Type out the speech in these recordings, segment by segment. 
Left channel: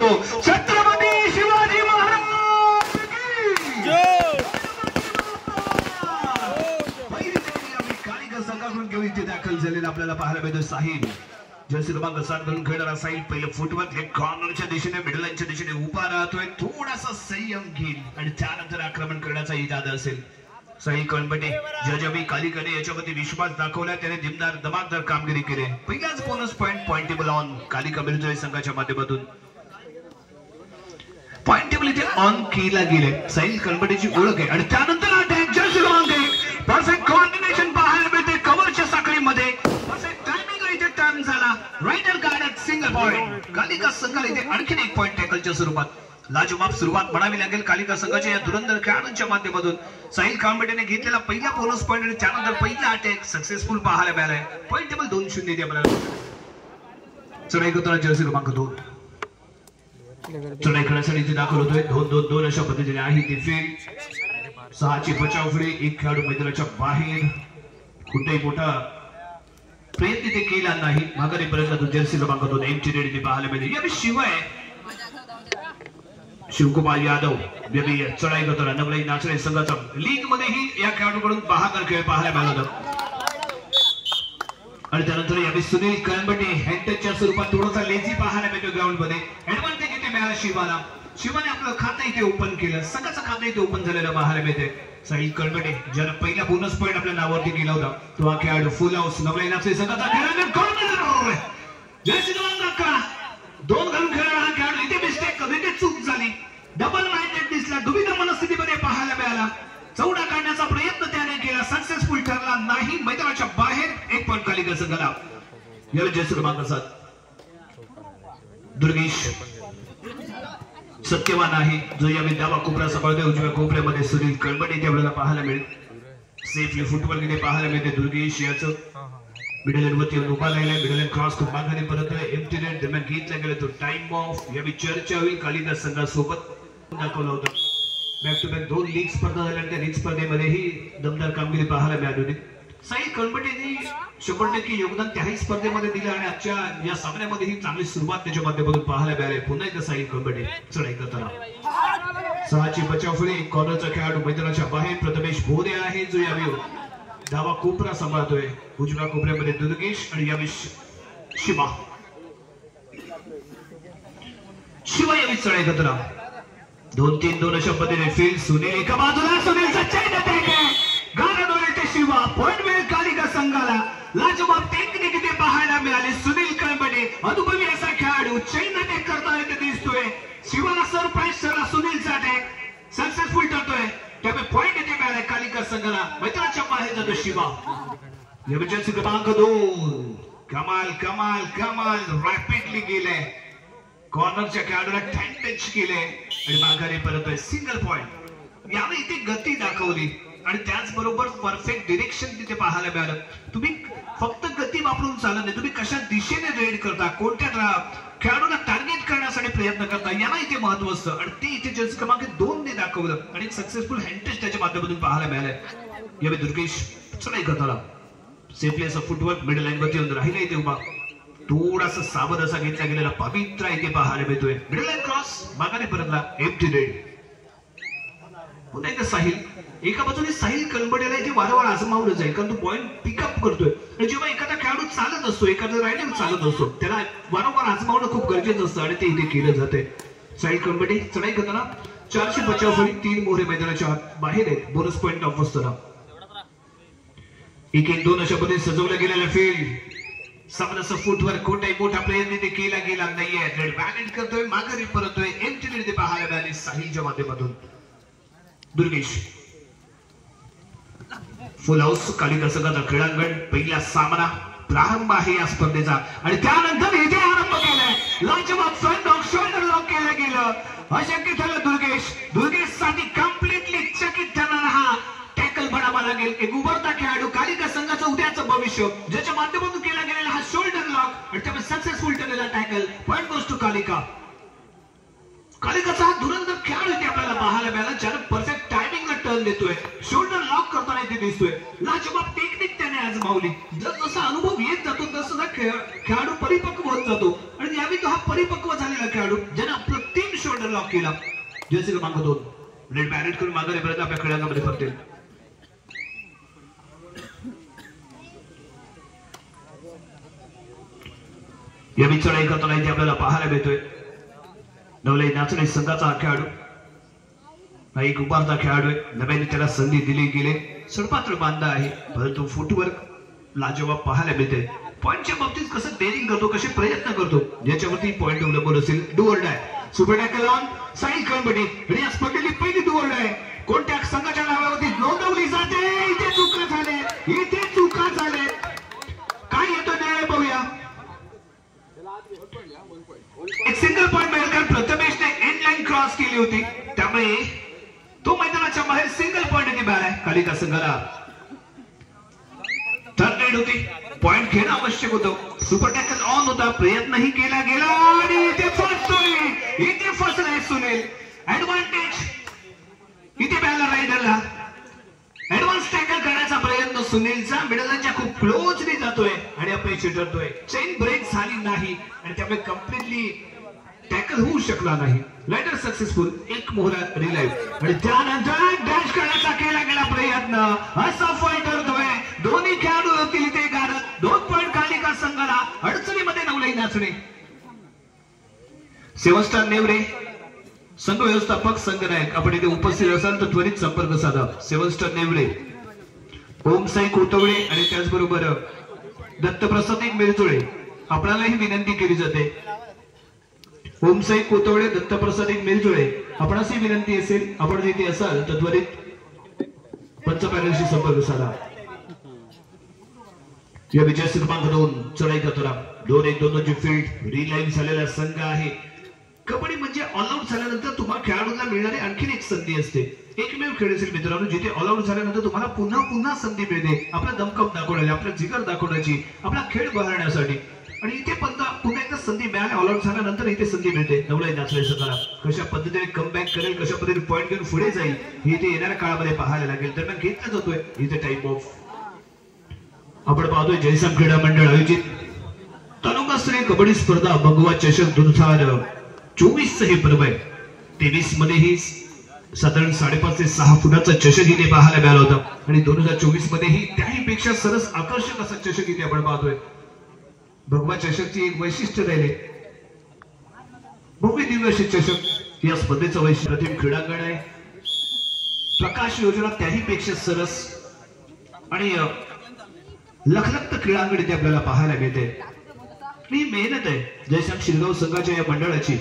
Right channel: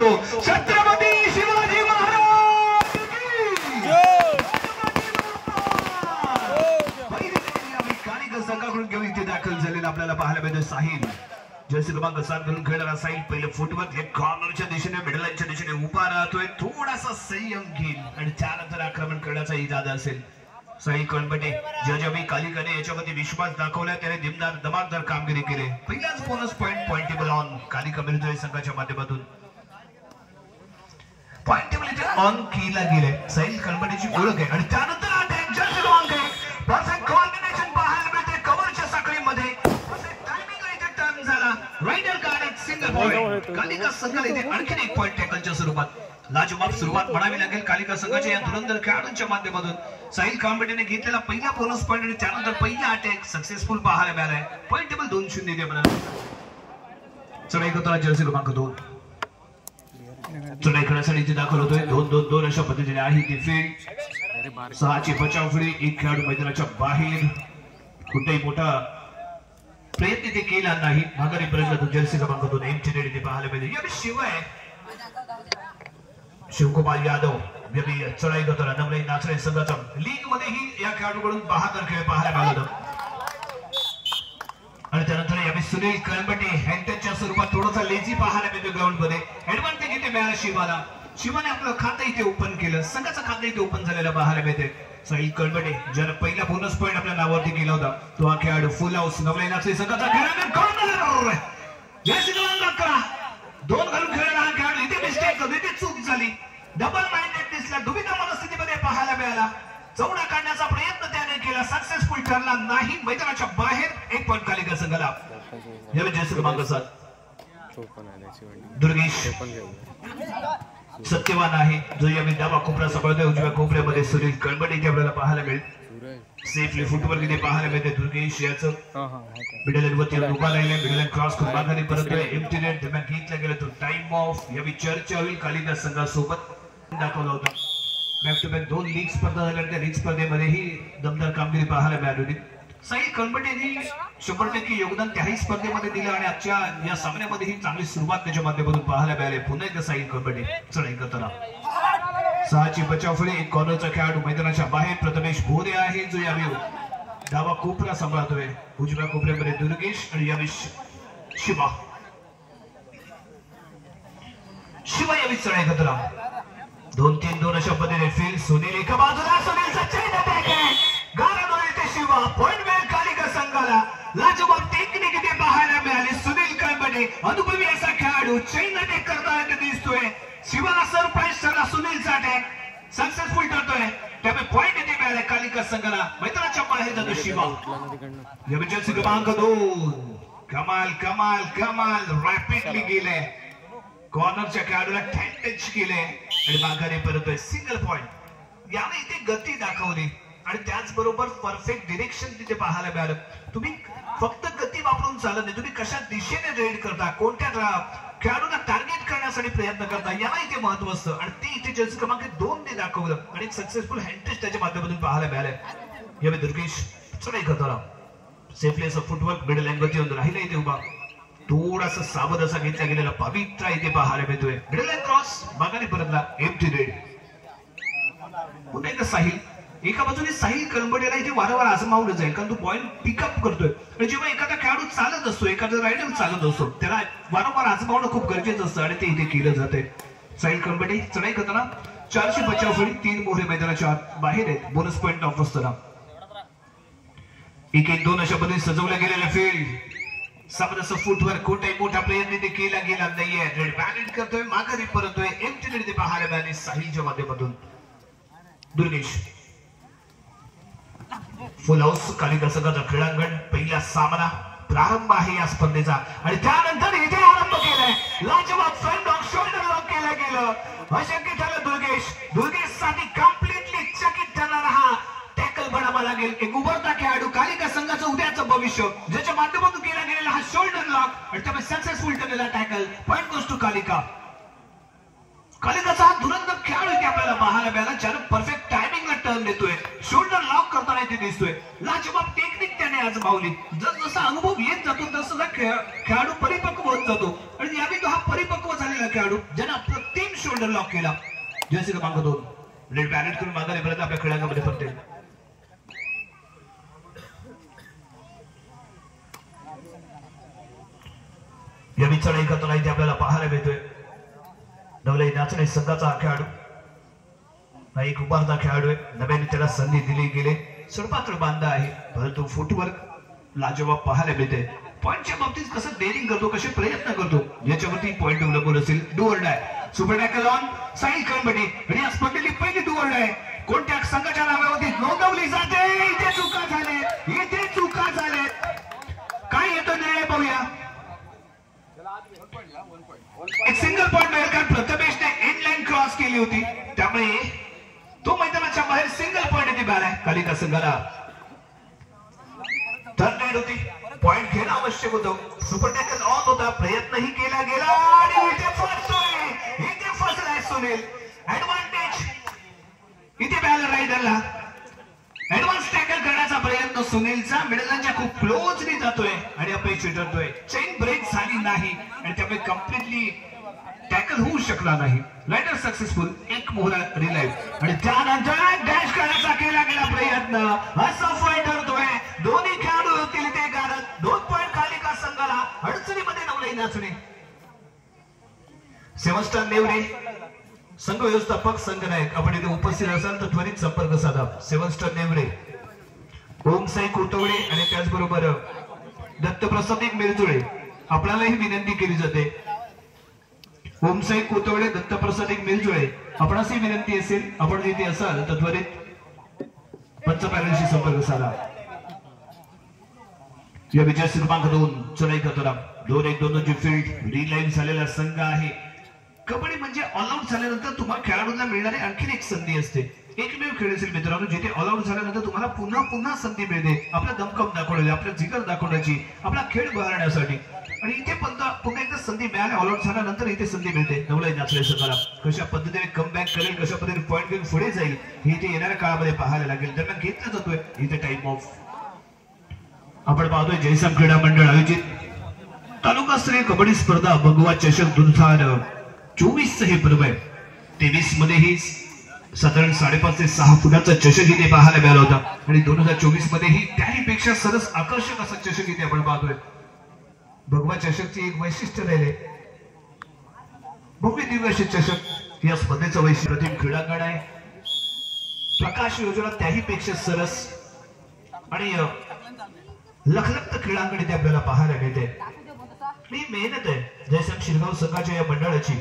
छत्रपती शिवाजी महाराज की कालिका संघाकडून घेऊन इथे दाखल झालेला आपल्याला पाहायला मिळतो साहिल. जर्सी क्रमांक 7 घालून खेळणारा साहिल पहिलं फुटवर्क लेग कॉर्नरच्या दिशेने मिडल लाईनच्या दिशेने उभा राहतोय. थोडासा संयम घेईल आणि त्यानंतर आक्रमण करण्याचा इरादा असेल. साहिल कणबटे जजावी कालिकाने याच्यामध्ये विश्वास दाखवला. त्याने दिमदार धमाकदार कामगिरी केली. पहिलाच bonus point table on Kalika military संघाच्या माध्यमातून पॉइंट टेबल इथे ऑन केला गेले. साहिल कणबटेची ओळख आहे आणि त्यानंतर अटॅक जर्सी क्रमांक 1 परफेक्ट कोऑर्डिनेशन पाहायला मिळते कव्हरच्या साखळीमध्ये. परफेक्ट टायमिंग इथे टर्न झाला. Raider card single point Kalika संघाला इथे आणखीन एक पॉइंट टॅकलच्या स्वरूपात. लाजवाब सुरुवात म्हणावी लागेल कालिका संघाच्या या धुरंधर खेळाडूंच्या माध्यमातून. साहिल कणबटेने घेतलेला पहिला बोनस पॉइंट आणि त्यानंतर पहिला अटॅक सक्सेसफुल पाहायला मिळालाय. पॉइंट टेबल 2-0 इथे आपल्याला. चढाई करताना जर्सी क्रमांक 2 चढाई करण्यासाठी इथे दाखल होतोय. 2-2-2 अशा पद्धतीने आहे ती फील्ड. 6ची बचाव फळी. एक खेळाडू मैदानाच्या बाहेर. कुठेही मोठा प्रयत्न ते केला नाही. माघारी परत जर्सी क्रमांक 2 एमटी रेड इथे पाहायला मिळते. या शिवाय शिवकुमार यादव चढाई करताना नवलाई नाचणे संघाचा लीग मध्येही या खेळाडूकडून बहादर खेळ पाहायला मिळाला. आणि त्यानंतर यावेळी सुनील कणबटे हँटच्या स्वरूपात थोडासा लेझी पाहायला मिळतो ग्राउंड मध्ये. ऍडव्हान्टेज इथे मिळाला शिवाला. शिवाने आपलं खातं इथे ओपन केलं. संघाचं खातं इथे ओपन झालेलं पाहायला मिळते. साहिल कणबटे ज्यानं पहिला बोनस पॉइंट आपल्या नावावरती केला होता तो हा खेळाडू फुल हाऊस नवलाई नाचणे संघाचा खेळाडू कॉर्नर जर्सी क्रमांक 11 2 घालून खेळणारा हा खेळाडू इथे मिस्टेक इथे चूक झाली. डबल माइंडेड दिसला. दुविधा मनस्थितीमध्ये पाहायला मिळाला. चौडा काढण्याचा प्रयत्न त्याने केला. सक्सेसफुल ठरला नाही. मैदानाच्या बाहेर एक पॉइंट कालिका संघाला. यावेळी जर्सी क्रमांक 7 दुर्गेश सत्यवान आहे जो यावेळी डावा कोपरा सांभाळतोय. उजव्या कोपऱ्यामध्ये सुनील कणबटे इथे आपल्याला पाहायला मिळेल. सेफली फुटवर्क इथे पाहायला मिळते. दुर्गेश याचं मिडल लाईन वरती उभा राहिलाय. मिडल लाईन क्रॉस करून माघारी परत एम्प्टी नेट दरम्यान घेतला गेला तो टाइम ऑफ. यावेळी चर्चा होईल कालिका संघासोबत दाखवलं होतं. बॅक टू बॅक 2 लीग स्पर्धा झाल्या. त्या लीग स्पर्धेमध्येही दमदार कामगिरी पाहायला मिळाली होती. साहिल कणबटेंनी 100% योगदान त्याही स्पर्धेमध्ये दिलं आणि आजच्या या सामन्यामध्येही चांगली सुरुवात त्याच्या माध्यमातून पाहायला मिळाली. पुन्हा एकदा साहिल कणबटे चढाई करताना. 6ची बचाव फळी. एक कॉर्नरचा खेळाडू मैदानाच्या बाहेर प्रथमेश भोरे आहे जो यावेळी डावा कोपरा सांभाळतोय. उजव्या कोपऱ्यामध्ये दुर्गेश आणि यावेळी शिवा यावेळी चढाई करताना. 2-3-2 अशा पद्धतीने फील्ड. सुनील एका बाजूला. सुनीलचा चैन अटॅक आहे. गारडोळे ते शिवा. पॉइंट मिळेल कालिका संघाला. लाजवाब टेक्निक इथे पाहायला मिळाली. सुनील कणबटे अनुभवी असा खेळाडू चैन अटॅक करताना इथे दिसतोय. शिवाला सरप्राईज ठरला. सुनीलचा अटॅक सक्सेसफुल ठरतोय. त्यामुळे पॉइंट इथे मिळाले कालिका संघाला. मैदानाच्या बाहेर जातो शिवा. जर्सी क्रमांक 2 कमाल कमाल कमाल रॅपिडली गेले. कॉर्नरच्या खेळाडूला टच केले आणि माघारी परतोय. Single point. यावेळी इथे गती दाखवली आणि त्याचबरोबर परफेक्ट डिरेक्शन तिथे पाहायला मिळालं. तुम्ही फक्त गती वापरून चालत नाही. तुम्ही कशा दिशेने रेड करता, कोणत्या खेळाडूला टार्गेट करण्यासाठी प्रयत्न करता याला इथे महत्व असतं आणि ते इथे जर्सी क्रमांक 2 ने दाखवलं आणि एक सक्सेसफुल हँटच त्याच्या माध्यमातून पाहायला मिळालं. यावेळी दुर्गेश चढाई करताना सेफली असं फुटवर्क मिडल लाईन वरती राहिला इथे उभा. थोडासा सावध असा घेतला गेलेला पवित्रा इथे पाहायला मिळतोय. मिडल लाईन क्रॉस माघारी परतला. Empty red. पुन्हा एकदा साहिल. एका बाजूने साहिल कणबटेला इथे वारंवार आजमावलं जाईल कारण तो पॉइंट पिकअप करतोय. आणि जेव्हा एखादा खेळाडू चालत असतो, एखादा रायडर चालत असतो त्याला वारंवार आजमावणं खूप गरजेचं असतं आणि ते इथे केलं जातंय. साहिल कणबटे चढाई करताना. 4ची बचाव फळी. 3 मोहरे मैदानाच्या बाहेर आहेत. बोनस पॉइंट ऑफ असताना 1-1-2 अशा पद्धतीने सजवल्या गेलेल्या फील्ड. सामन्याचा फुटवर कोणताही मोठा प्रयत्न ते केला गेला नाहीये. रेड बॅलेट करतोय. माघारी परतोय. एम्प्टी नेट पाहायला मिळाले साहिलच्या माध्यमातून. दुर्गेश फुल हाऊस कालिका संघाचा क्रीडांगण. पहिला सामना प्रारंभ आहे या स्पर्धेचा आणि त्यानंतर इथे आरंभ केलाय. लाजवाब स्वयं शोल्डर लॉक केलं गेलं. अशक्य ठरलं दुर्गेश साठी कम्प्लिटली चकित ठरणारा हा टॅकल बनावा लागेल. एक उभरता खेळाडू कालिका संघाचं उद्याचं भविष्य ज्याच्या माध्यमातून केला गेलेला हा शोल्डर लॉक आणि त्यामुळे सक्सेसफुल ठरलेला tackle. Point goes to Kalika. कालिकाचा हा धुरंधर खेळाडू इथे आपल्याला पाहायला मिळाला ज्यानं परफेक्ट टायमिंगला टर्न देतोय. शोल्डर लॉक करताना इथे दिसतोय. लाजवाब टेक्निक त्याने आज मावली. जसा अनुभव येत जातो तसा खेळाडू परिपक्व होत जातो आणि यावेळी तो हा परिपक्व झालेला खेळाडू ज्याने आपला टीम शोल्डर लॉक केला. जर्सी क्रमांक 2 रेड बॅरेट करून मागे परत आपल्या खेळांमध्ये परतेल. या चढाई करताना इथे आपल्याला पाहायला मिळतोय नवलाई नाचणे संघाचा खेळाडू एक उभारता खेळाडू आहे. नव्याने त्याला संधी दिली गेली. सडपातळ बांधा आहे परंतु फुटवर्क लाजवाब पाहायला मिळते. पॉईंटच्या बाबतीत कसं डेअरिंग करतो कसे प्रयत्न करतो याच्यावरती पॉईंट अवलंबून असेल. Do or die super tackle on side कॉम्बडी आणि या स्पर्धेतली पहिली डू ऑर डाय कोणत्या संघाच्या नावावरती नोंदवली जाते. इथे चुका झाले काय येतो निर्णय पाहूया. एक सिंगल पॉईंट मिळेल कारण प्रथमेशने एंड लाईन क्रॉस केली होती त्यामुळे तो मैदानाच्या बाहेर सिंगल पॉईंट येथे मिळाला. कालिका संघाला थर्ड रेड होती. पॉईंट घेणं आवश्यक होतं. सुपर टॅकल ऑन होता. प्रयत्नही केला गेला आणि इथे फसलाय सुनील. ऍडव्हान्टेज इथे मिळाला रायडरला. ऍडव्हान्स टॅकल करण्याचा प्रयत्न सुनीलचा मिडलच्या खूप क्लोजली जातोय आणि अपयशी ठरतोय. चेन ब्रेक झाली नाही आणि त्यामुळे कम्प्लिटली टॅकल होऊ शकला नाही. Raider successful. एक मोहरा रिलाइव्ह आणि त्यानंतर डॅश करण्याचा केला गेला प्रयत्न असफल ठरतोय. दोन्ही खेळाडू होतील इथे गारद. 2 पॉईंट कालिका संघाला. अडचणीमध्ये नवलाई नाचणे. 7 स्टार नेवरे संघ व्यवस्थापक संघनायक आपण इथे उपस्थित असाल तर त्वरित संपर्क साधा. 7 स्टार नेवरे ओमसाई कोतवळे आणि त्याचबरोबर दत्तप्रसाद मिरजुळे आपल्यालाही विनंती केली जाते. ओमसाई कोतवळे दत्तप्रसाद मिरजुळे आपणासही विनंती असेल आपण जिथे असाल तर त्वरित पंच पॅनलशी संपर्क साधा. या विजय क्रमांक 2 चढाई करताना 2-1-2 ची फील्ड रिलाईव्ह झालेला संघ आहे. कबड्डी म्हणजे ऑल आउट झाल्यानंतर तुम्हाला खेळाडूंना मिळणारी आणखीन एक संधी असते. एकमेव खेळ असेल मित्रांनो जिथे ऑल आउट झाल्यानंतर तुम्हाला पुन्हा संधी मिळते आपला दमकम दाखवण्याची आपला जिगर दाखवण्याची आपला खेळ बहरण्यासाठी. आणि इथे पुन्हा एकदा संधी मिळाली. ऑल आउट झाल्यानंतर इथे संधी मिळते. नवलाई नाचणे संघाला कशा पद्धतीने कमबॅक करेल कशा पद्धतीने पॉईंट घेऊन पुढे जाईल हे इथे येणाऱ्या काळामध्ये पाहायला लागेल. दरम्यान घेतला जातोय इथे टाइम ऑफ. आपण पाहतोय जयसम क्रीडा मंडळ आयोजित तालुकास्तरीय कबड्डी स्पर्धा भगवा चषक 2024 हे पर्व आहे. 23 मध्येही साधारण 5.5 ते 6 फुटाचा चषक इथे पाहायला मिळाला होता आणि 2024 मध्येही त्याही पेक्षा सरस आकर्षक असा चषक इथे आपण पाहतोय. भगवा चषकची एक वैशिष्ट्य राहिले भव्य दिव्य असे चषक. या स्पर्धेचं वैशिष्ट्य प्रतिम क्रीडांगण आहे. प्रकाश योजना त्याही पेक्षा सरस आणि लखलखत क्रीडांगण इथे आपल्याला पाहायला मिळते. ही मेहनत आहे जयश्याम शिरगाव संघाच्या या मंडळाची.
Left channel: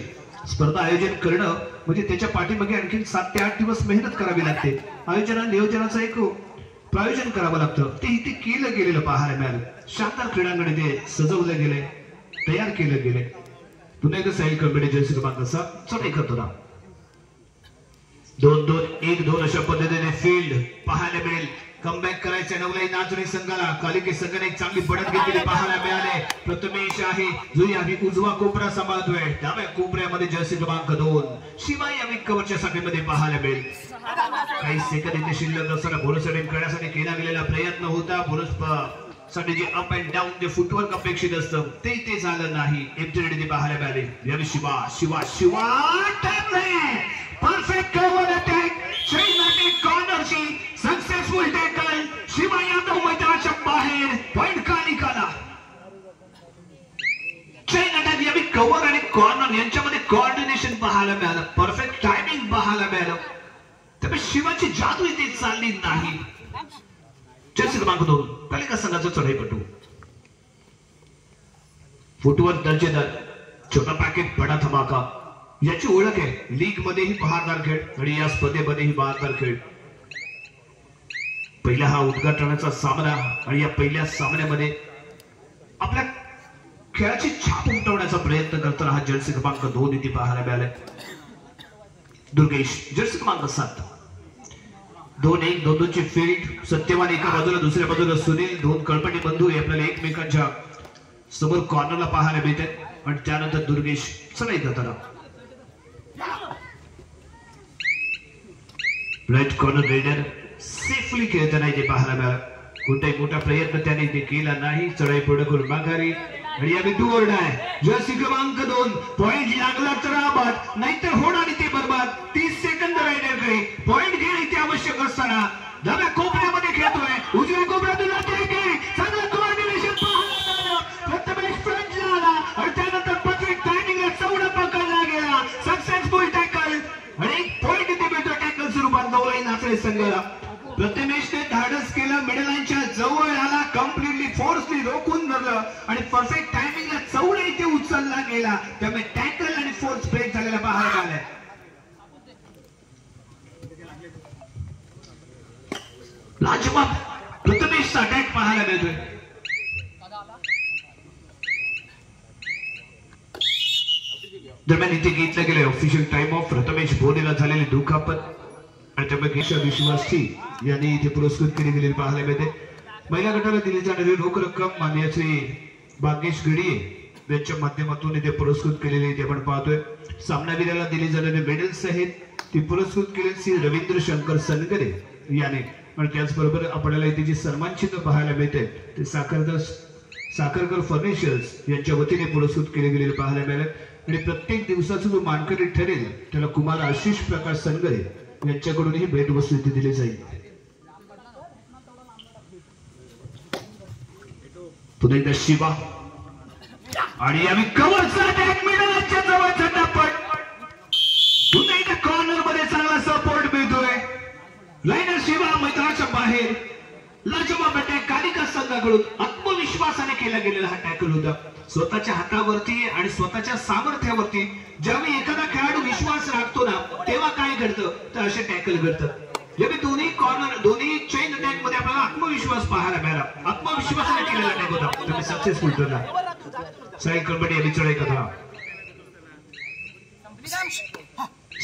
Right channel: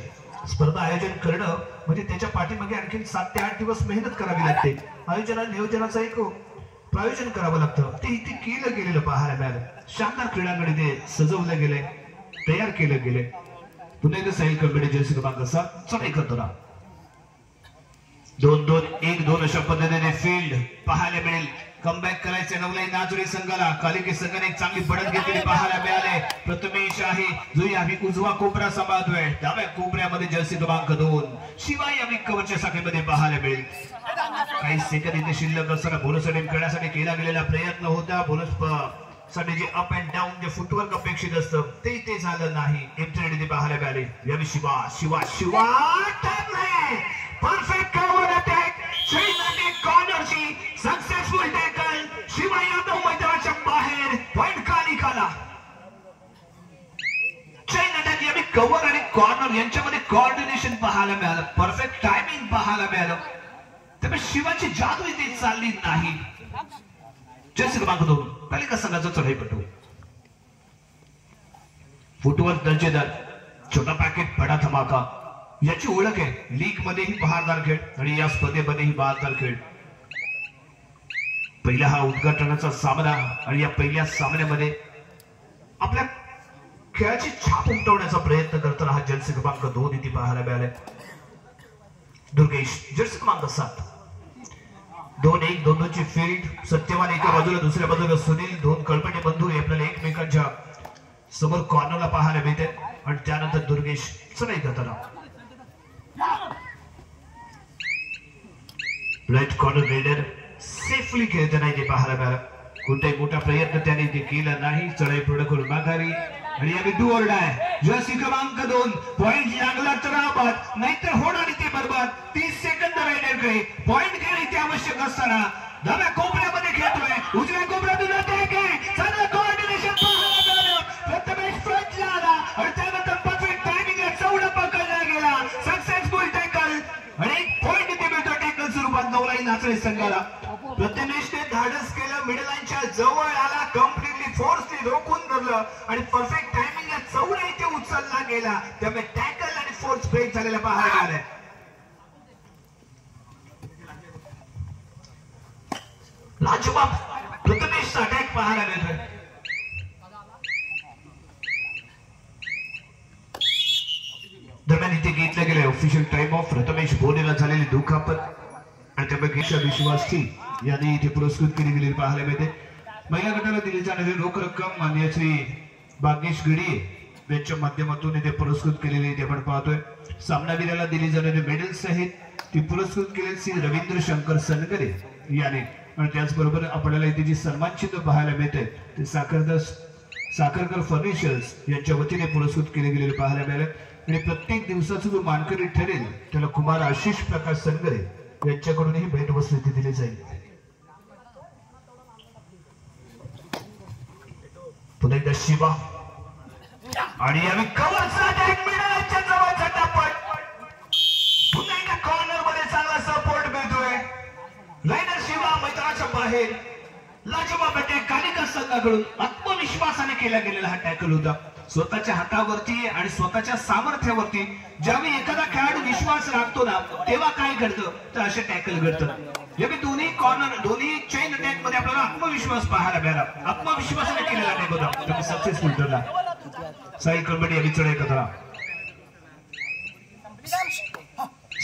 स्पर्धा आयोजन करणं म्हणजे त्याच्या पाठीमागे आणखी 7 ते 8 दिवस मेहनत करावी लागते. नियोजनाचं एक प्रायोजन करावं लागतं. ते इथे केलं गेलेलं पाहायला मिळालं. शानदार क्रीडांगण इथे सजवलं गेले तयार केले गेले. पुन्हा एकदा साई कमिटी जर्सी क्रमांक 7 चढाई करताना 2-2-1-2 अशा पद्धतीने फील्ड पाहायला मिळेल. कमबॅक करायचे नवलाई नाचणे संघाला. कालिके संघाने एक चांगली बढत घेतलेली पाहायला मिळाले. प्रथमेश आहे जो यावी उजवा कोपरा सांभाळतोय. डाव्या कोपऱ्यामध्ये जर्सी क्रमांक 2 शिवाय यावी कवरच्या साखळीमध्ये पाहायला मिळेल. काही सेकंद इथे शिल्लक असताना बोनस अटेम्प्ट करण्यासाठी केला गेलेला प्रयत्न होता. बोनस साठी जे अप अँड डाऊन जे फुटवर्क अपेक्षित असतं ते झालं नाही. एमटी रेडी पाहायला मिळाले. यावी शिवा परफेक्ट कव्हर अटॅक कॉर्नरची सक्सेसफुल टॅकल. शिवा यादव मैदानाच्या बाहेर. पॉईंट कालिकाला. चैन अटॅक यावी कव्हर आणि कॉर्नर यांच्यामध्ये कोऑर्डिनेशन पाहायला मिळालं. परफेक्ट टायमिंग पाहायला मिळालं. त्यामुळे शिवाची जादू इथे चालली नाही. जर्सी क्रमांक 2 कालिका संघाचा चढाईपटू. फुटवर्क दर्जेदार. छोटा पॅकेट बडा धमाका याची ओळख आहे. लीग मध्येही बहारदार खेळ आणि या स्पर्धेमध्येही बहारदार खेळ. पहिला हा उद्घाटनाचा सामना आणि या पहिल्या सामन्यामध्ये आपल्या खेळाची छाप उमटवण्याचा प्रयत्न करताना हा जर्सी क्रमांक 2 इथे पाहायला मिळालाय. दुर्गेश जर्सी क्रमांक 7 2-1-2 ची फील्ड. सत्यवान एका बाजूला दुसऱ्या बाजूला सुनील. 2 कळपटी बंधू आपल्याला एकमेकांच्या समोर कॉर्नरला पाहायला मिळते आणि त्यानंतर दुर्गेश चढाई करताना राईट कॉर्नर रेडर सेफली खेळताना इथे पाहायला मिळाला. कोणताही मोठा प्रयत्न त्याने इथे केला नाही. चढाई पूर्ण करून माघारी आणि यावेळी डू ऑर डाय. जर्सी क्रमांक 2 पॉइंट लागला तर आबाद नाहीतर होणार इथे बरबाद. 30 सेकंद रायडरकडे पॉइंट घेणे इथे आवश्यक असताना डाव्या कोपऱ्यामध्ये खेळतोय. उजव्या कोपऱ्यातून अटॅक आहे. चांगलं कोऑर्डिनेशन पाहायला मिळालं. प्रथमेश फ्रंटला आला आणि त्यानंतर परफेक्ट टायमिंगला चौडा पकडला गेला. सक्सेसफुल टॅकल आणि पॉइंट इथे मिळतो टॅकल स्वरूपात नवलाई नाचरे संघाला. प्रथमेशने धाडस केलं. मिडल लाईनच्या जवळ आला. कम्प्लिटली फोर्सली रोखून धरलं आणि परफेक्ट टायमिंगला चौडा इथे उचलला गेला. त्यामुळे टॅकल आणि फोर्स ब्रेक झालेला पाहायला मिळालाय. लाजवाब प्रथमेशचा अटॅक पाहायला मिळतोय. दरम्यान इथे घेतलं गेलं ऑफिशियल टाइम ऑफ. प्रथमेश बोनेला झालेली दुखापत आणि त्यापैकी विश्वासी यांनी इथे पुरस्कृत केली गेलेली पाहायला मिळते. महिला गटाला दिली जाणारी रोख रक्कम माननीय श्री भाग्येश गिडी यांच्या माध्यमातून इथे पुरस्कृत केलेली इथे आपण पाहतोय. सामनावीराला दिली जाणारी मेडल्स आहेत ती पुरस्कृत केली श्री रवींद्र शंकर सनगरे याने. आणि त्याचबरोबर आपल्याला इथे जी सन्मान चिन्ह पाहायला मिळते ते साखरकर फर्निचर्स यांच्या वतीने पुरस्कृत केले गेलेले पाहायला मिळाले. आणि प्रत्येक दिवसाचा जो मानकरी ठरेल त्याला कुमार आशिष प्रकाश सनगरे यांच्याकडूनही भेटवस्तू इथे दिली जाईल. पुन्हा एकदा शिवा आणि यावेळी कव्हरचा अटॅक मिडलच्या जवळचा टापट. पुन्हा एकदा कॉर्नर मध्ये चांगला सपोर्ट मिळतोय. लायनर शिवा मैदानाच्या बाहेर. लाजवाब अटॅक कालिका संघाकडून आत्मविश्वासाने केला गेलेला हा टॅकल होता. स्वतःच्या हातावरती आणि स्वतःच्या सामर्थ्यावरती ज्यावेळी एखादा खेळाडू विश्वास राखतो ना तेव्हा काय घडतं तर असे टॅकल घडतात. ज्यावेळी दोन्ही कॉर्नर दोन्ही चेन अटॅक मध्ये आपल्याला आत्मविश्वास पाहायला मिळाला. आत्मविश्वासाने केलेला अटॅक होता. तुम्ही सक्सेसफुल ठरला. साई कलबडी यांनी चढाई करा.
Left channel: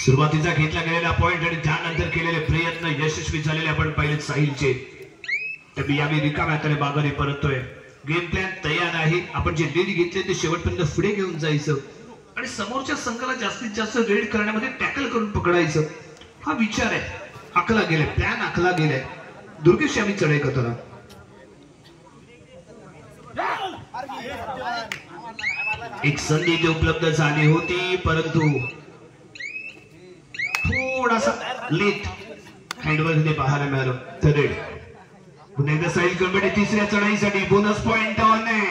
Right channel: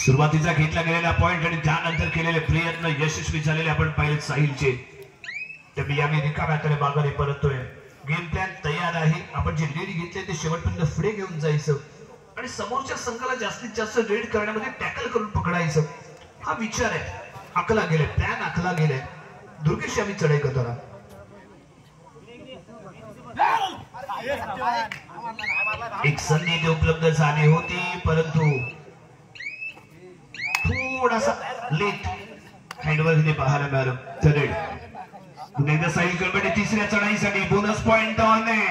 सुरुवातीचा घेतला गेलेला पॉइंट आणि त्यानंतर केलेले प्रयत्न यशस्वी झालेले आपण पाहिले साहिलचे. त्यामुळे यावेळी रिकाम्या हाताने माघारी परततोय. गेम प्लॅन तयार आहे. आपण जे लीड घेतले ते शेवटपर्यंत पुढे घेऊन जायचं आणि समोरच्या संघाला जास्तीत जास्त रेड करण्यामध्ये टॅकल करून पकडायचं हा विचार आहे. आखला गेलाय प्लॅन आखला गेलाय. दुर्गेश आम्ही चढाई करताना एक संधी इथे उपलब्ध झाली होती परंतु थोडासा लेट हँडवर इथे पाहायला मिळालं. तर पुन्हा एकदा साहिल कलबडे तिसऱ्या चढाईसाठी बोनस पॉइंट ऑन आहे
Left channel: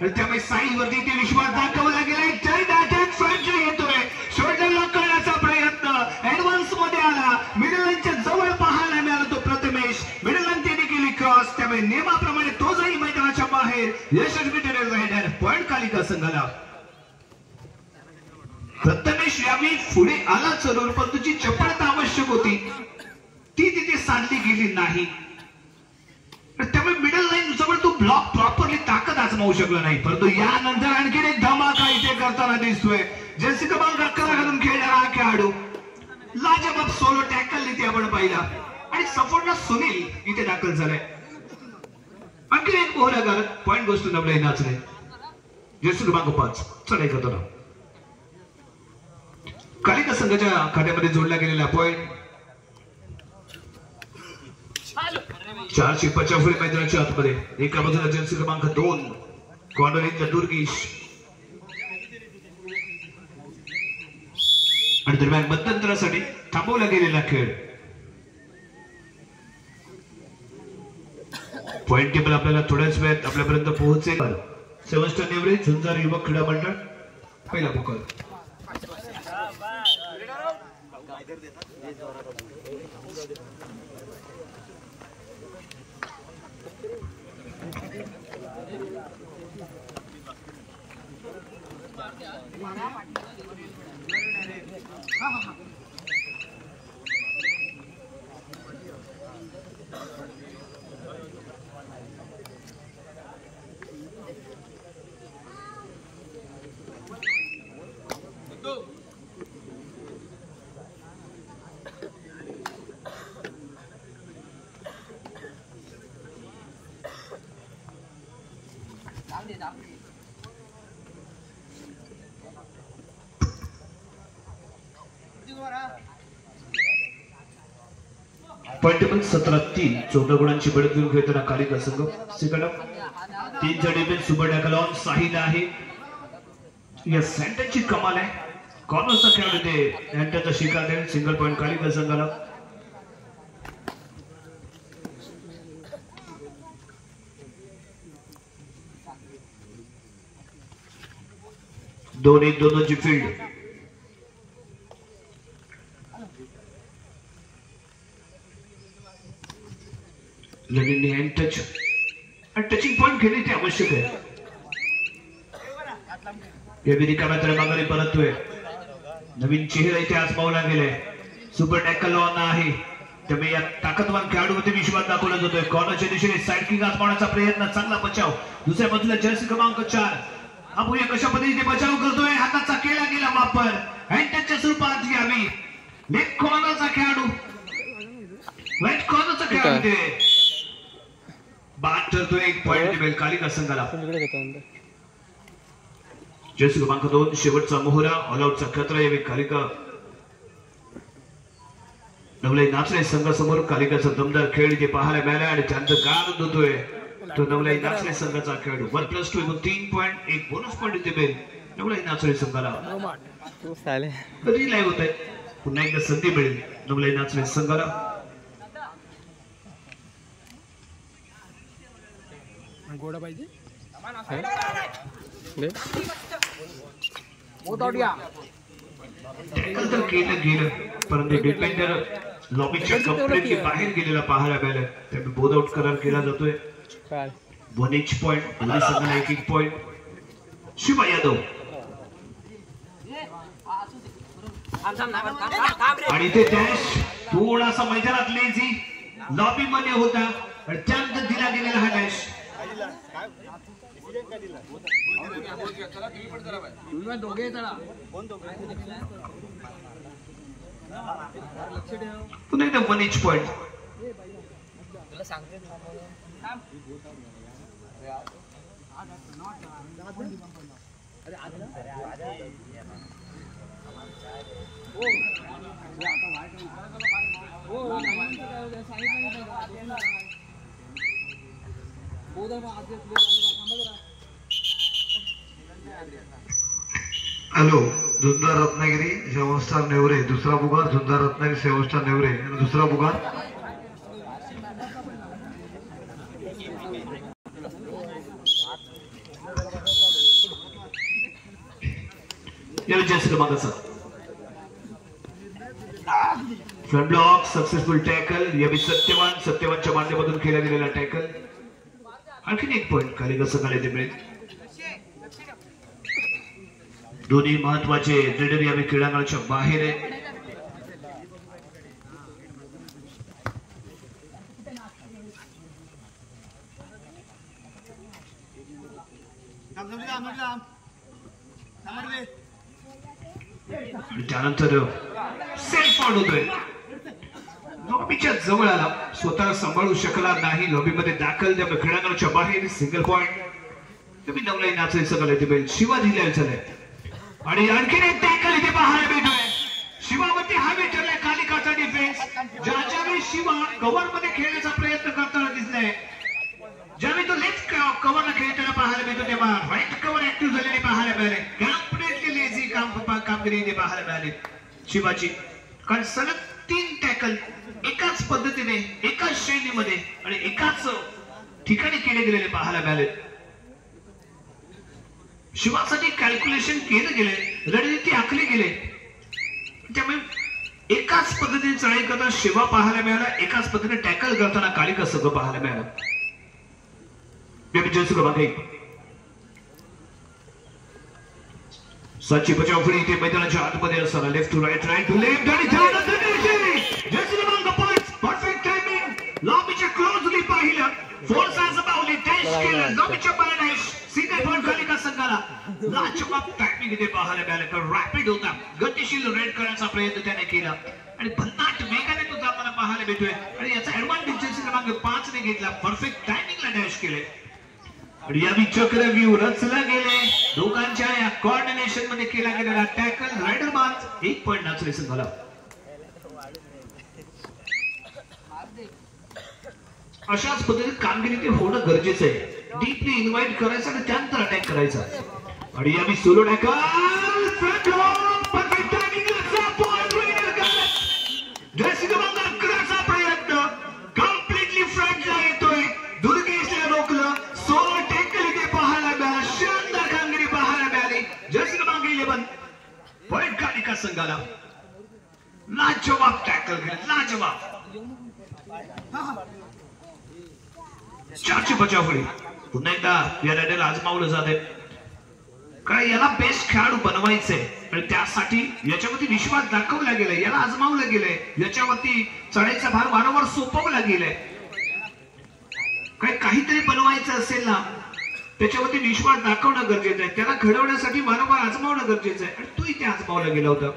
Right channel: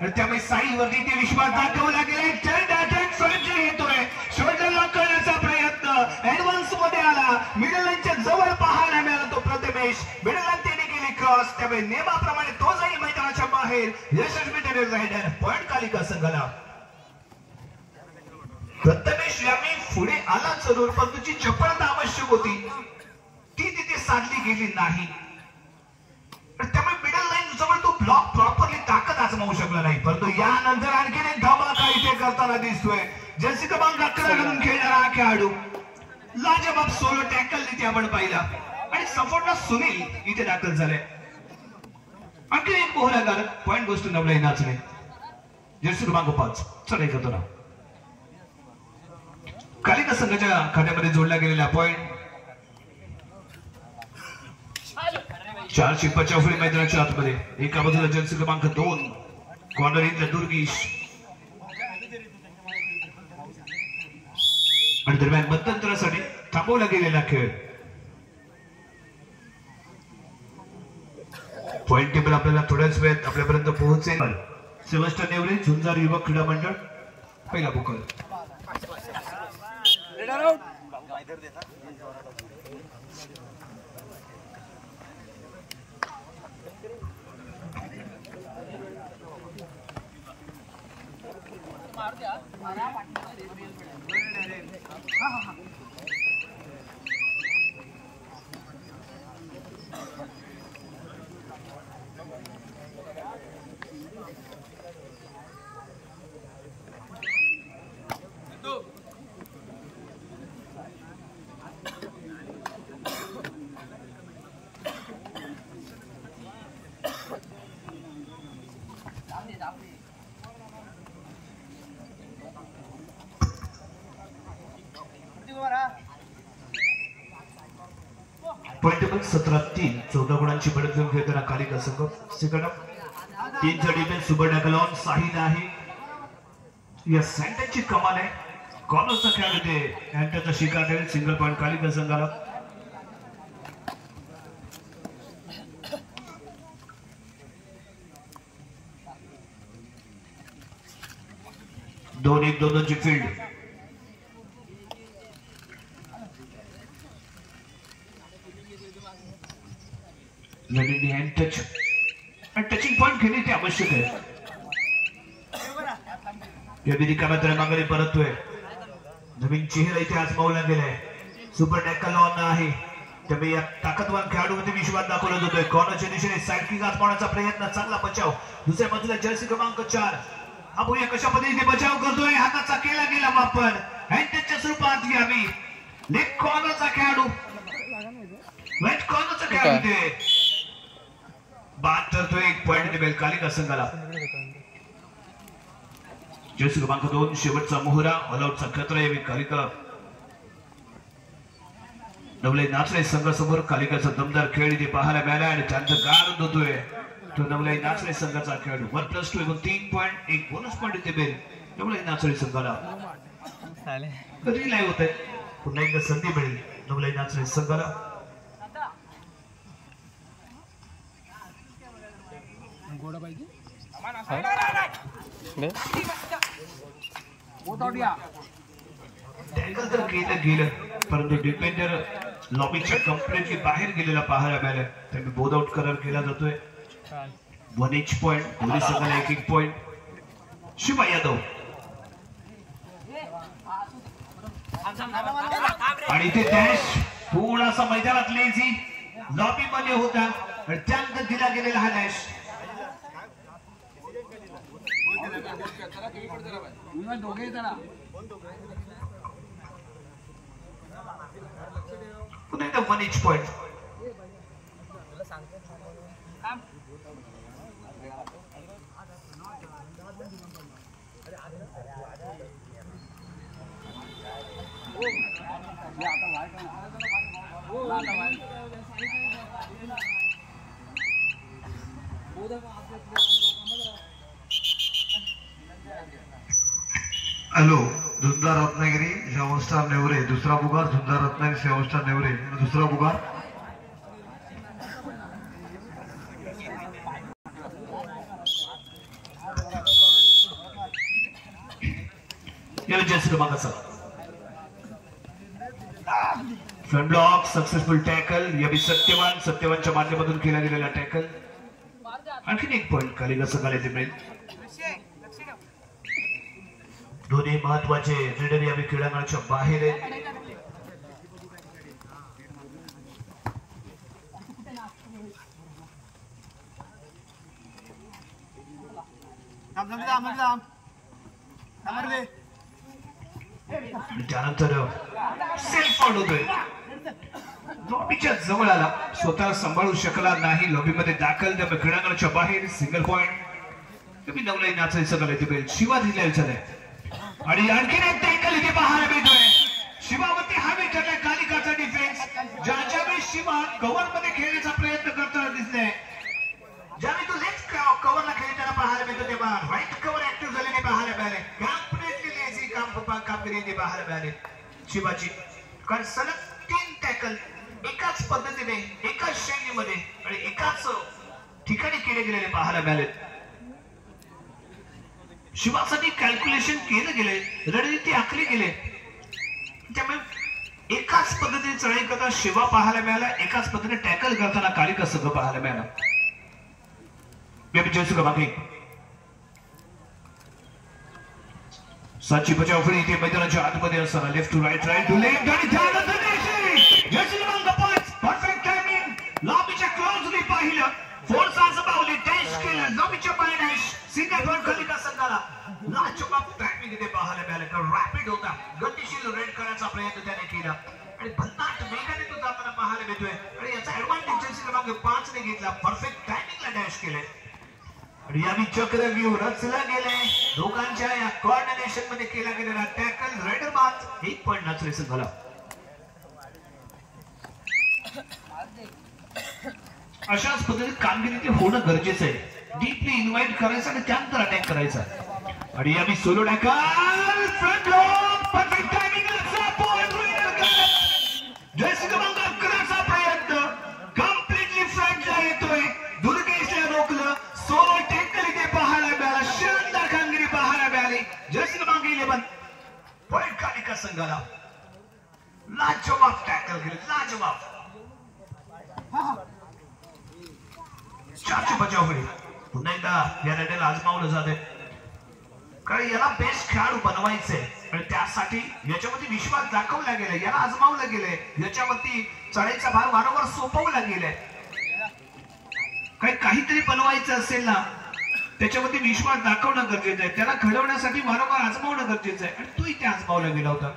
आणि त्यामुळे साहिल वरती ते विश्वास दाखवला गेलाय. चाइल्ड अटॅक फ्रंट येतोय. शोल्डर लॉक करण्याचा प्रयत्न ऍडव्हान्स मध्ये आला. मिडल लाईनच्या जवळ पाहायला मिळाला तो प्रथमेश. मिडल लाईन त्याने केली क्रॉस. त्यामुळे नियमाप्रमाणे तो जाईल मैदानाच्या बाहेर. यशस्वी ठरेल रायडर. पॉइंट कालिका संघाला. प्रथमेश यावेळी पुढे आला जरूर पण तुझी चपळता आवश्यक होती ती तिथे साधली गेली नाही. त्यामुळे मिडल लाईन जवळ तो ब्लॉक प्रॉपरली ताकद आजमावू शकला नाही. परंतु यानंतर आणखी एक धमाका इथे करताना दिसतोय. जर्सी क्रमांक 11 घालून खेळणारा हा खेळाडू लाजवाब सोलो टॅकल इथे आपण पाहिला आणि सपोर्टला सुनील इथे दाखल झालाय. आणखी एक मोहरा घालत पॉइंट गोष्ट नवलाई नाचणे. जर्सी क्रमांक 5 चढाई करतो ना. कालिका संघाच्या खात्यामध्ये जोडला गेलेला पॉइंट 4 55 मैदानाच्या आतमध्ये. एका बाजूला जर्सी क्रमांक 2 कॉर्नर इन द दुर्गेश आणि दरम्यान मध्यंतरासाठी थांबवला गेलेला खेळ. पॉइंट टेबल आपल्याला थोड्याच वेळात आपल्यापर्यंत पोहोचेल. सेबस्टियन नेवरे झुंजार युवक क्रीडा मंडळ पहिला बुकर. पॉइंट टेबल 17-3 14 गुणांची बढत घेऊन खेळताना कालिका संघ. सेकंड हाफ 3चा defence super tackle on Sahil आहे. या सेंटरची कमाल आहे. कॉर्नरचा खेळाडू ते सेंटरचा शिकार देईल. सिंगल पॉइंट कालिका संघाला. दोन एक दोनची फील्ड. लगेच हँड टच आणि टचिंग पॉइंट घेणे ते आवश्यक आहे. माघारी परततोय. नवीन चेहरा इथे आज पावला गेलाय. सुपर टॅकल ऑन आहे. त्यामुळे या ताकदवान खेळाडूमध्ये विश्वास दाखवला जातोय. कॉर्नरच्या दिशेने साइड किक आजमावण्याचा प्रयत्न. चांगला बचाव. दुसऱ्या बाजूला जर्सी क्रमांक 4 आपण कशा पद्धतीने बचाव करतोय. हाताचा केला गेला वापर. हँड टचच्या स्वरूपात यावी. लेग कॉर्नरचा खेळाडू राईट कॉर्नरचा खेळाडू ते बाद ठरतोय. एक पॉइंट टेबल कालिका संघाला. जर्सी क्रमांक 2 शेवटचा मोहरा. ऑलआउटचा खतरा यावी कालिका. नवलाई नाचणे संघासमोर कालिकाचा दमदार खेळ इथे पाहायला मिळाला आणि त्यांचं गारद होतोय तो नवलाई नाचणे संघाचा खेळाडू. 1+2 एकूण 3 पॉइंट. एक बोनस पॉइंट इथे मिळेल नवलाई नाचणे संघाला. कधी लाईव्ह होत आहे. पुन्हा एकदा संधी मिळेल नवलाई नाचणे संघाला. गोडा पाहिजे टॅकल तर केलं गेलं परंतु डिफेंडर लॉबीच्या कंप्लीटली बाहेर गेलेला पाहायला मिळालं. त्यामुळे बोध आउट करार केला जातोय. 1 each पॉइंट. दोन्ही संघाला 1 पॉइंट. शिवा यादव आणि ते डॅश थोडासा मैदानात लेझी लॉबी मध्ये होता आणि त्यानंतर दिला गेलेला हा डॅश. पुन्हा एकदा 1 each पॉइंट. हॅलो. धुंदार रत्नागिरी 7 स्टार नेवरे. दुसरा बुगार धुंदार रत्नागिरी 7 स्टार नेवरे आणि दुसरा बुगार क्रमांक 7. Front block successful tackle. यावी सत्यवानच्या माध्यमातून केला गेलेला टॅकल. आणखीन 1 पॉइंट कालिका संघाला इथे मिळेल. दोन्ही महत्वाचे रेडर यावे क्रीडांगणाच्या बाहेर आहे. त्यानंतर सेल्फ आउट होतोय. लॉबीच्या जवळ आला. स्वतः सांभाळू शकला नाही. लॉबीमध्ये दाखल. त्यामुळे क्रीडांगणाच्या बाहेर. Single point. तुम्ही नवलाई नाचणे संघाला इथे मिळेल. शिवा दिलेला झालाय आणि आणखीन एक टॅकल इथे पाहायला मिळतोय. शिवावरती हवे ठरलाय कालिकाचा डिफेन्स. ज्यावेळी शिवा कव्हर मध्ये खेळण्याचा प्रयत्न करताना दिसलाय. ज्यावेळी तो लेफ्ट कव्हरला खेळताना पाहायला मिळतो तेव्हा राईट कव्हर ऍक्टिव्ह झालेले पाहायला मिळाले. कम्प्लिटली लेझी कामगिरी इथे पाहायला मिळाली शिवाची. कारण सलग 3 टॅकल एकाच पद्धतीने एकाच श्रेणीमध्ये आणि एकाच ठिकाणी केले गेलेले पाहायला मिळाले. शिवासाठी कॅल्क्युलेशन केलं गेले. रणनीती आखली गेले. त्यामुळे एकाच पद्धतीने चढाई करताना शिवा पाहायला मिळाला. एकाच पद्धतीने टॅकल करताना कालिका संघ पाहायला मिळाला. क्रमांक 1 साची बचाव फळी इथे मैदानाच्या आतमध्ये असताना left to right to left आणि त्यानंतर क्रमांक 5 परफेक्ट टायमिंग. लॉबीच्या क्लोजली पाहिलं. फोर्स आजमावली. डॅश केलं. लॉबीच्या बाहेर डॅश. सिंगल पॉइंट कालिका संघाला. लाजवाब टायमिंग इथे पाहायला मिळालं. तर रॅपिड होता. गतिशील रेड करण्याचा प्रयत्न त्याने केला आणि भन्नाट वेगाने तो जाताना पाहायला मिळतोय आणि याचा ऍडव्हान्टेज क्रमांक 5 ने घेतला. परफेक्ट टायमिंगला डॅश केले आणि यावी चक्रव्यूह रचला गेले. दोघांच्या या कोऑर्डिनेशन मध्ये केला गेलेला टॅकल. रायडर बाद. 1 पॉइंट नाचले संघाला. अशाच पद्धतीत कामगिरी ते होणं गरजेचं आहे. डीपली इन्व्हाइट करायचं आणि त्यानंतर अटॅक करायचा. आणि यावी solo tackle front lock perfect टायमिंगचा पॉइंट रेडर करत जर्सी क्रमांक 11चा प्रयत्न कम्प्लीटली फ्रंटला येतोय. दुर्गेशला रोखलं. सोलो टॅकल इथे पाहायला मिळाला. शानदार कामगिरी पाहायला मिळाली. जर्सी क्रमांक 11 पॉइंट कालिका संघाला. लाजवाब टॅकल केले. लाजवाब. चारशे बचावकडे पुन्हा एकदा या लढ्याला आजमावलं जाते. कारण याला बेस्ट खेळाडू बनवायचंय आणि त्यासाठी याच्यावरती विश्वास दाखवला गेलाय. याला आजमावलं गेलंय. याच्यावरती चढायचा भार वारंवार सोपवला गेलाय. काहीतरी बनवायचं असेल ना त्याच्यावरती विश्वास दाखवणं गरजेचं आहे. त्याला घडवण्यासाठी वारंवार आजमावणं गरजेचं आहे आणि तो इथे आजमावला गेला होता.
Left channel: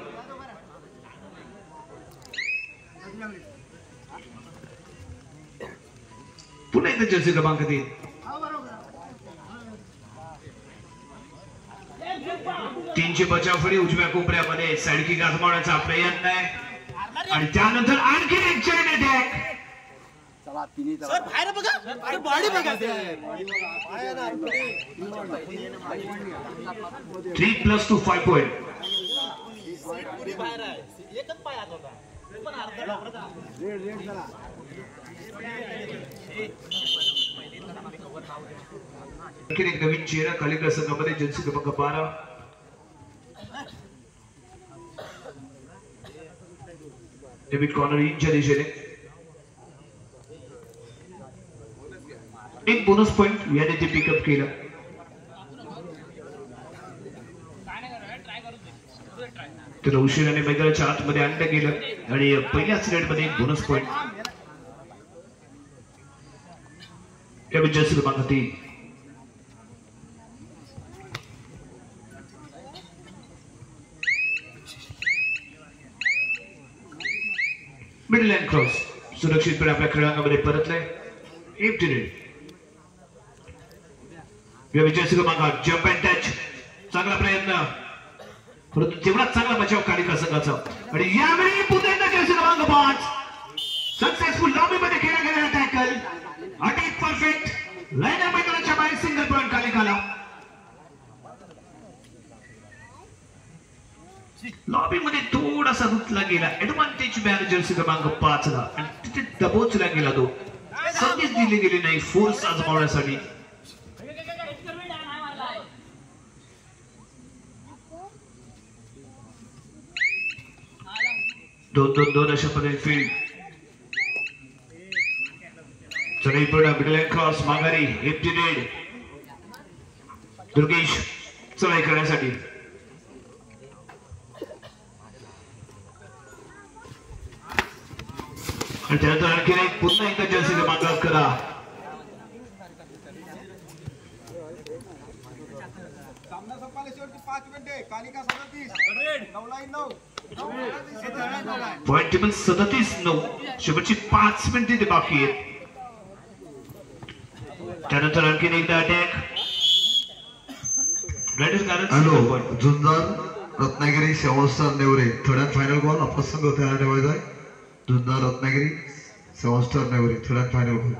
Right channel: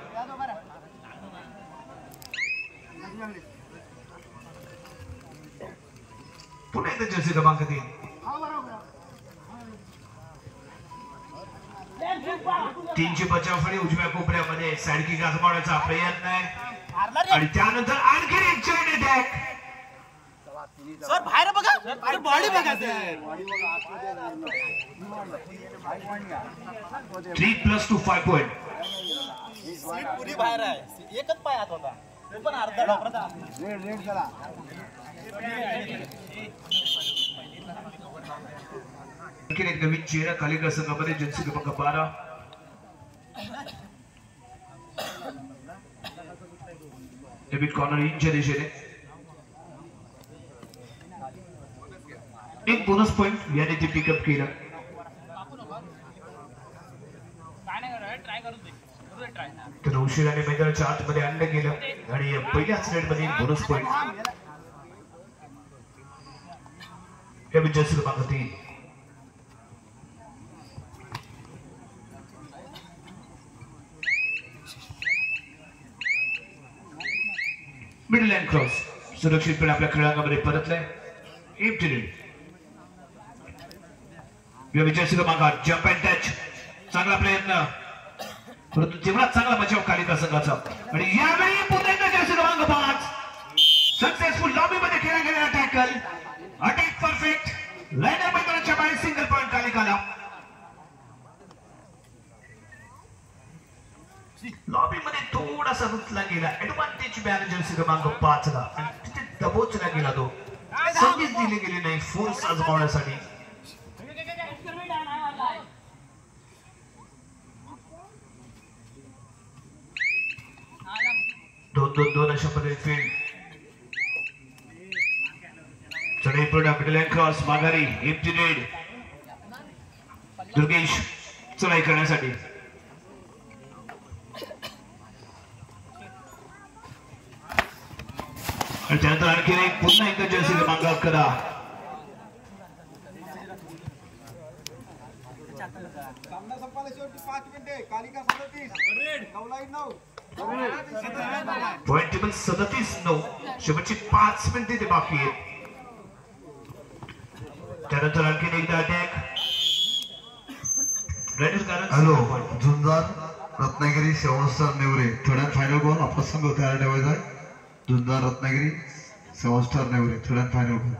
पुन्हा एकदा जर्सी क्रमांक 3 300 बचावफळी उजव्या कोपऱ्यामध्ये साडकी आजमावण्याचा प्रयत्न आहे आणि त्यानंतर आणखी एक चेन अटॅक. सर बाहेर बघा. सर बॉडी बघा. 3+2 5 पॉइंट. एकच पायात होता पण अर्धा आणखी एक नवीन चेहरा कालिका संघामध्ये जर्सी क्रमांक 12 डेव्हिड कॉर्नर इंच्या दिशेने. एक बोनस पॉइंट याने ते पिकअप केला. त्याला उशिराने मैदानाच्या आतमध्ये आणलं गेलं आणि पहिल्याच रेडमध्ये एक बोनस पॉइंट. जर्सी क्रमांक 3 मिडल लाईन क्रॉस सुरक्षितपणे आपल्या खेळांगामध्ये परतलाय. जर्सी क्रमांक जम्प अँड टच. चांगला प्रयत्न परंतु तेवढाच चांगला बचाव कालिका संघाचा. आणि यावेळी पुन्हा एकदा जर्सी क्रमांक 5 सक्सेसफुल लॉबीमध्ये खेळला गेलेला टॅकल. Attack perfect. लाईनर मैदानाच्या बाहेर सिंगल पॉइंट कालिकाला. लॉबीमध्ये थोडासा रुतला गेला. ऍडव्हान्टेज मिळाला जर्सी क्रमांक 5 ला आणि तिथे दबोचला गेला. तो संधीच दिली गेली नाही फोर्स आजमावण्यासाठी. 2-2-2 अशा पद्धतीने फील्ड. चढाई पूर्ण मिडल लाईन क्रॉस माघारी एम्प्टी नेट. दुर्गेश चढाई करण्यासाठी. आणि त्यानंतर आणखी एक पुन्हा एकदा जर्सी क्रमांक 11 पॉइंट टेबल 37-9. शेवटची 5 मिनिटे ते बाकी आहेत. त्यानंतर आणखी एकदा attack. Hello Zunjar Ratnagiri seven Nevre third and final call. आपला संघ तयार ठेवायचा आहे. Zunjar Ratnagiri 7 Nevre third and final call.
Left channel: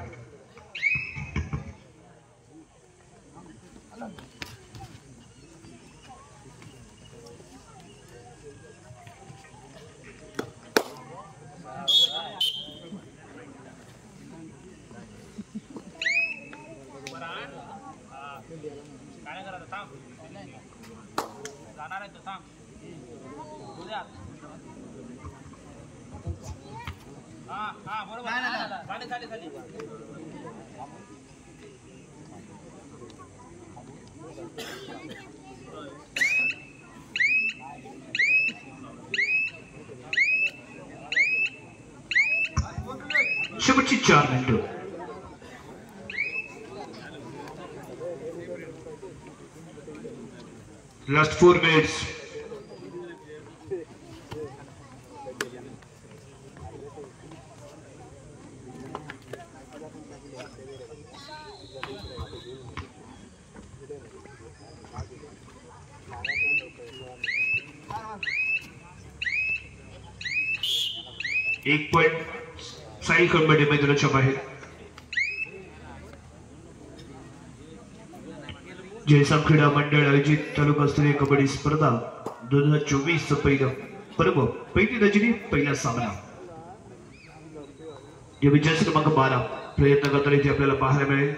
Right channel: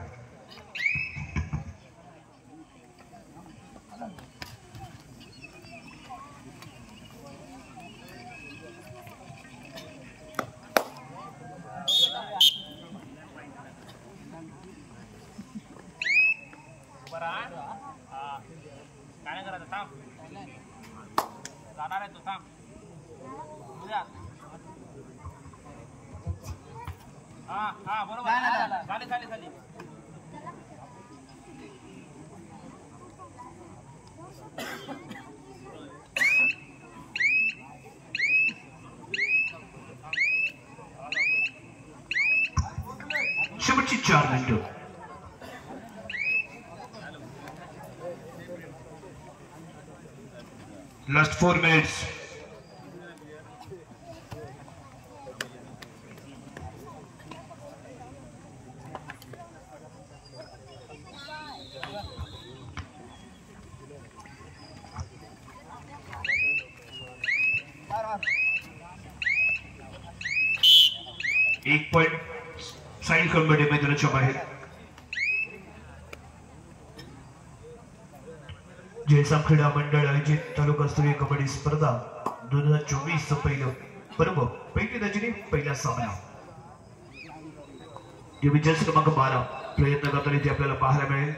काय करायचं थांब. जाणार आहे तो थांब. हा बरोबर. झाली. शेवटची 4 मिनिटं. Last 4 minutes. एक पॉइंट साई कंबटे मैदानाच्या बाहेर. जयसाम क्रीडा मंडळ आयोजित तालुकास्तरीय कबड्डी स्पर्धा 2024 पहिलं पर्व पहिली रजनी पहिला सामना या विजयाचा क्रमांक 12 प्रयत्न करताना इथे आपल्याला पाहायला मिळेल.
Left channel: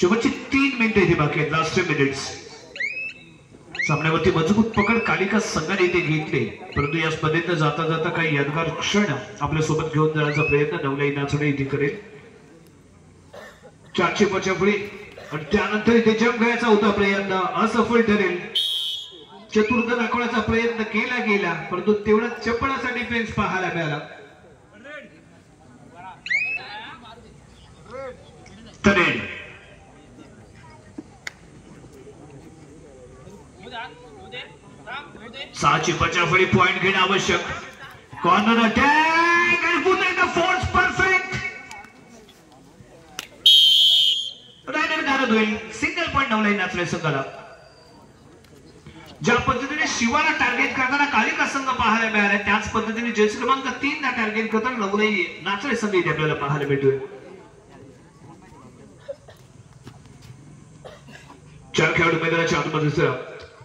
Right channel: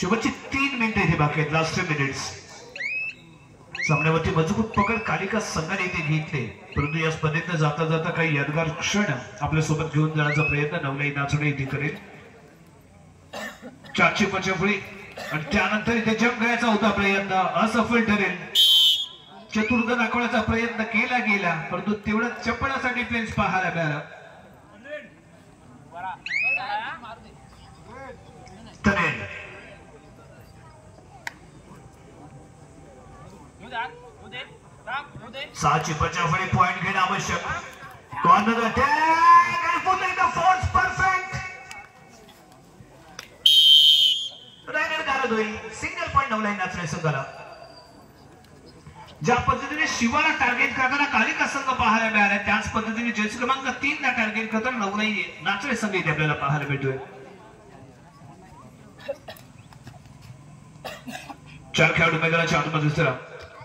शेवटची 3 मिनिटे इथे बाकी आहेत. Last 3 minutes. सामन्यावरती मजबूत पकड कालिका संघाने इथे घेतले, परंतु या स्पर्धेत जाता जाता काही यादगार क्षण आपल्या सोबत घेऊन जाण्याचा प्रयत्न नवलाई नाचणे इथे करेल. 4ची पचफळी आणि त्यानंतर इथे जंप घ्यायचा होता प्रयत्न असफल ठरेल. चतुर्थ दाखवण्याचा प्रयत्न केला गेला, परंतु तेवढा चपळाचा डिफेन्स पाहायला मिळाला. तरेल 6ची पचफळी पॉइंट घेणं आवश्यक. कॉर्नर अटॅक आणि पुन्हा एकदा फोर्स परफेक्ट. रायडर गारद होईल. सिंगल पॉइंट नवलाई नाचणे संघाला. ज्या पद्धतीने शिवाला टार्गेट करताना कालिका संघ पाहायला मिळाला, त्याच पद्धतीने जर्सी क्रमांक 3 ला टार्गेट करताना नवलाई नाचणे संघ इथे आपल्याला पाहायला मिळतोय. 4 खेळाडू मैदानाच्या आतमध्ये दिसतात.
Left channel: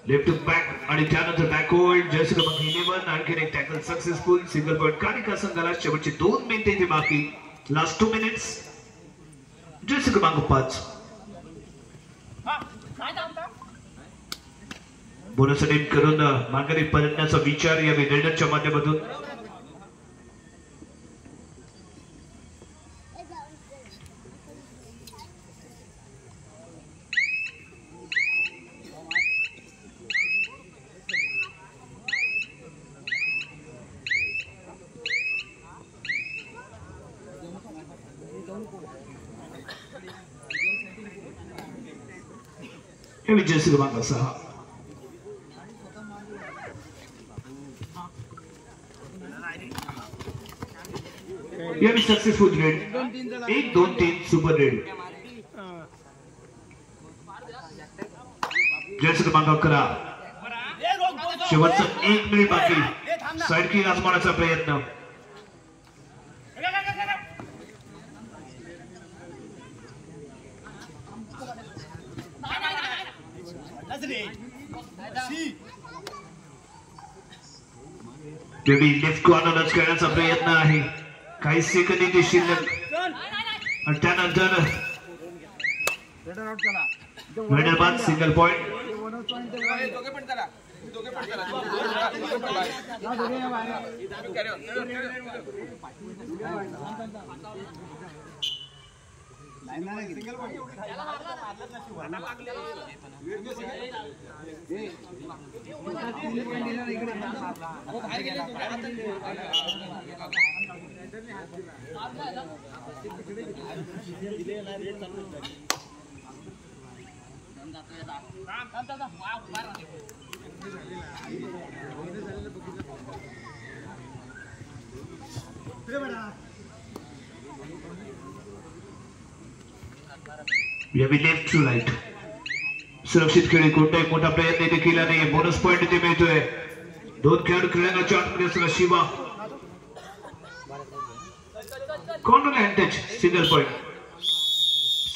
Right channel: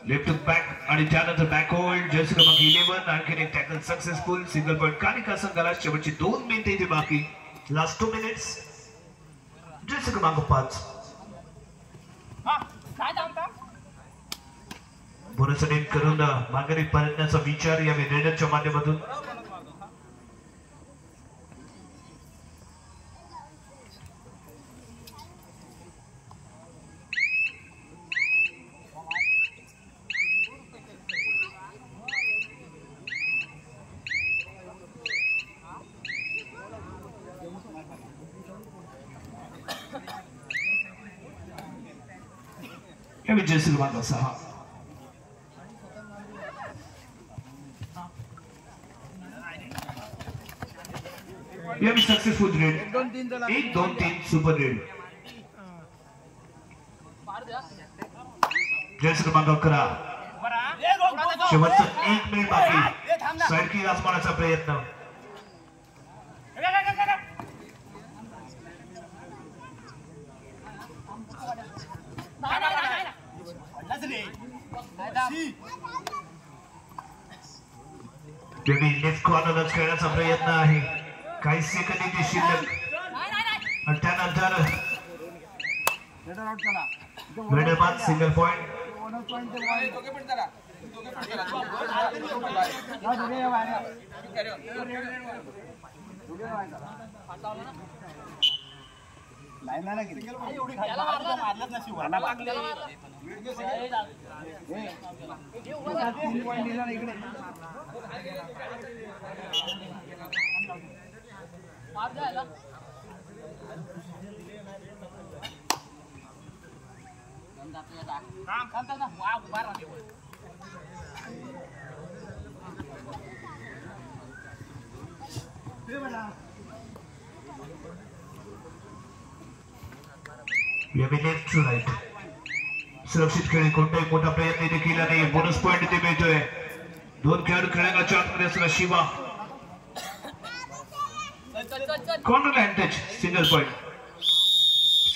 लेफ्ट टू बॅक आणि त्यानंतर बॅक होल्ड. जर्सी क्रमांक 11 आणखीन एक tackle successful. Single point Kalika संघाला. शेवटची 2 मिनिटे इथे बाकी. Last 2 minutes. जर्सी क्रमांक 5 बोनस रेड करून माघारी परतण्याचा विचार या रेडरच्या माध्यमातून. या विजय क्रमांक 6 या successful red. 1 2 3 super red. Jersey क्रमांक 11 शेवटचं 1 मिनिट बाकी. साइड की आजमावण्याचा प्रयत्न. लेफ्ट कॉर्नरच खेळण्याचा प्रयत्न आहे. काही सेकंद इथे शिल्लक आणि त्यानंतर रेडर बाद. Single point. Left to right. सुरक्षित खेळी. कोणताही मोठा प्रयत्न इथे केला नाही. बोनस पॉइंट इथे मिळतोय. 2 खेळाडू खेळण्याच्या आतमध्ये असताना Shiva corner and touch. Single point.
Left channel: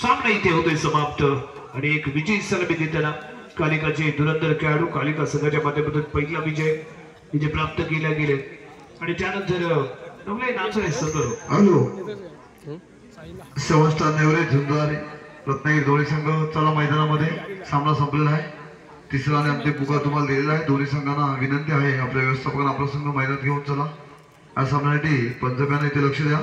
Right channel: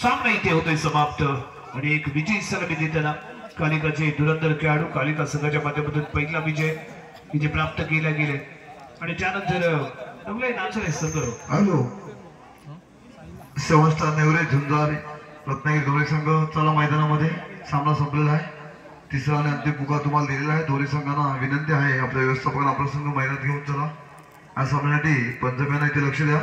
सामना इथे होतोय समाप्त आणि एक विजयी सलामी देताना कालिकाचे धुरंधर खेळाडू कालिका संघाच्या माध्यमातून पहिला विजय इथे प्राप्त केला गेले. आणि त्यानंतर नवलाई नाचणे संघ हॅलो 7 स्टार नेवरे झुंजार रत्नागिरी दोन्ही संघ चला मैदानामध्ये. सामना संपलेला आहे. तिसरा आणि अंतिम पुकार तुम्हाला दिलेला आहे. दोन्ही संघांना विनंती आहे आपल्या व्यवस्थापकांना आपला संघ मैदानात घेऊन चला. या सामन्यासाठी पंचम्यांना इथे लक्ष द्या.